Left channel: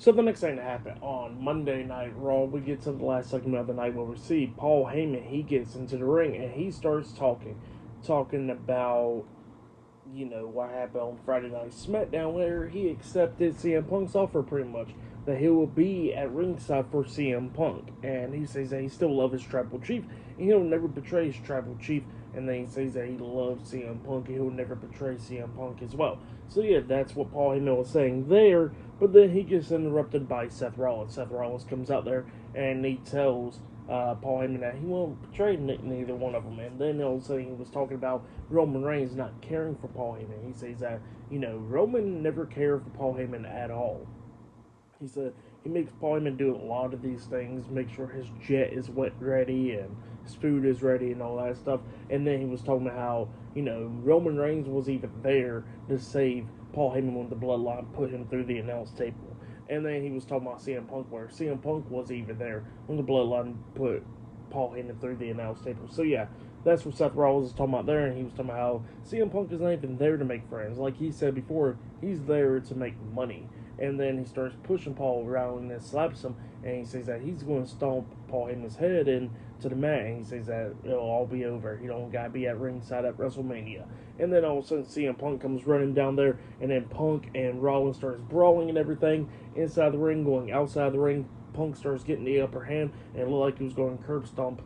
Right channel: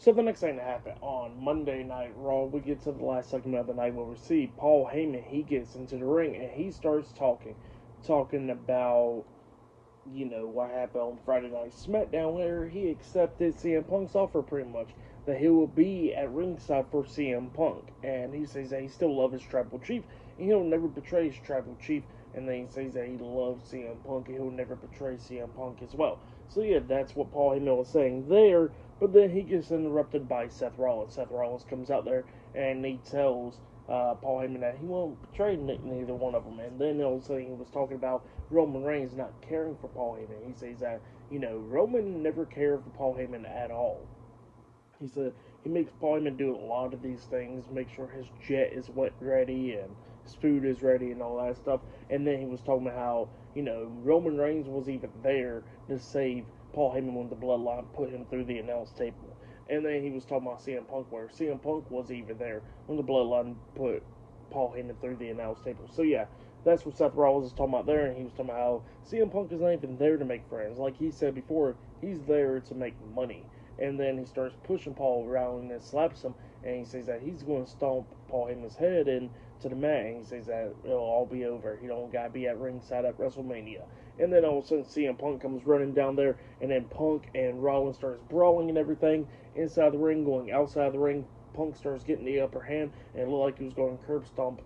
So the next thing that happened on Monday Night Raw, we get to the last segment of the night where we see Paul Heyman. He gets into the ring and he starts talking about what happened on Friday Night SmackDown, where he accepted CM Punk's offer pretty much that he will be at ringside for CM Punk, and he says that he still loves his tribal chief and he'll never betray his tribal chief. And then he says that he loves CM Punk and he'll never betray CM Punk as well. So yeah, that's what Paul Heyman was saying there. But then he gets interrupted by Seth Rollins. Seth Rollins comes out there and he tells Paul Heyman that he won't betray neither one of them. And then all of a sudden he was talking about Roman Reigns not caring for Paul Heyman. He says that, Roman never cared for Paul Heyman at all. He said he makes Paul Heyman do a lot of these things, make sure his jet is wet ready and his food is ready and all that stuff. And then he was talking about how, Roman Reigns was even there to save Paul Heyman when the bloodline put him through the announce table. And then he was talking about CM Punk, where CM Punk was even there when the bloodline put Paul Heyman through the announce table. So yeah, that's what Seth Rollins is talking about there, and he was talking about how CM Punk is not even there to make friends. Like he said before, he's there to make money. And then he starts pushing Paul around and slaps him, and he says that he's going to stomp Paul Heyman's head into the mat, and he says that it'll all be over. You don't got to be at ringside at WrestleMania. And then all of a sudden, CM Punk comes running down there, and then Punk and Rollins starts brawling and everything inside the ring, going outside the ring. Punk starts getting the upper hand, and it looked like he was going to curb stomp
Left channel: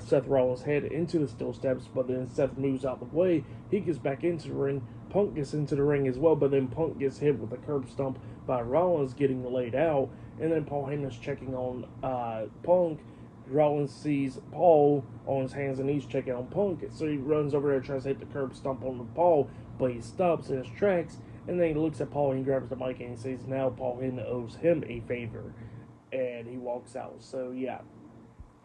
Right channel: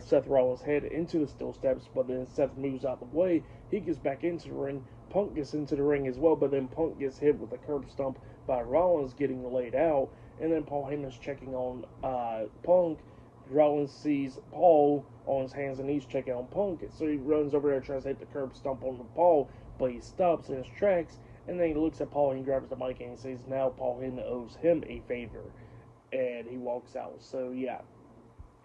Seth Rollins' head into the steel steps, but then Seth moves out of the way. He gets back into the ring. Punk gets into the ring as well, but then Punk gets hit with a curb stomp by Rollins getting laid out, and then Paul Heyman's checking on Punk. Rollins sees Paul on his hands and knees checking on Punk, so he runs over there and tries to hit the curb stomp on the Paul, but he stops in his tracks, and then he looks at Paul and he grabs the mic and he says now Paul Heyman owes him a favor, and he walks out. So yeah,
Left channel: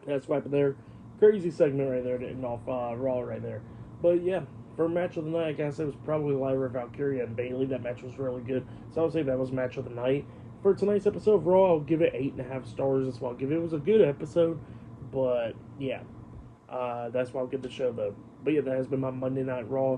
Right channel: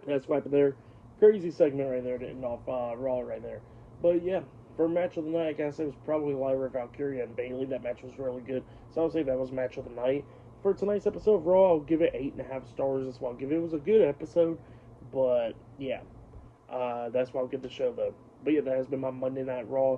that's what happened there. Crazy segment right there, getting off Raw right there. But yeah, for match of the night, I guess it was probably Lyra, Valkyria, and Bayley. That match was really good, so I would say that was match of the night. For tonight's episode of Raw, I'll give it 8.5 stars as well. It was a good episode, but yeah, that's why I'll give the show though. But yeah, that has been my Monday Night Raw,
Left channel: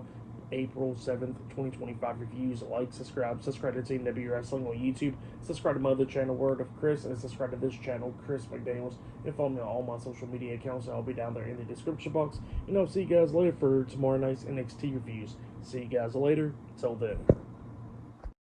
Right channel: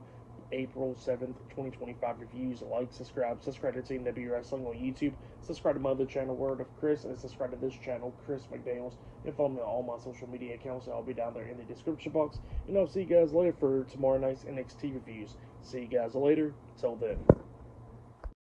April 7th, 2025 reviews. Like, subscribe to Team W Wrestling on YouTube, subscribe to my other channel, Word of Chris, and subscribe to this channel, Chris McDaniels, and follow me on all my social media accounts. I'll be down there in the description box, and I'll see you guys later for tomorrow night's NXT reviews. See you guys later. Till then.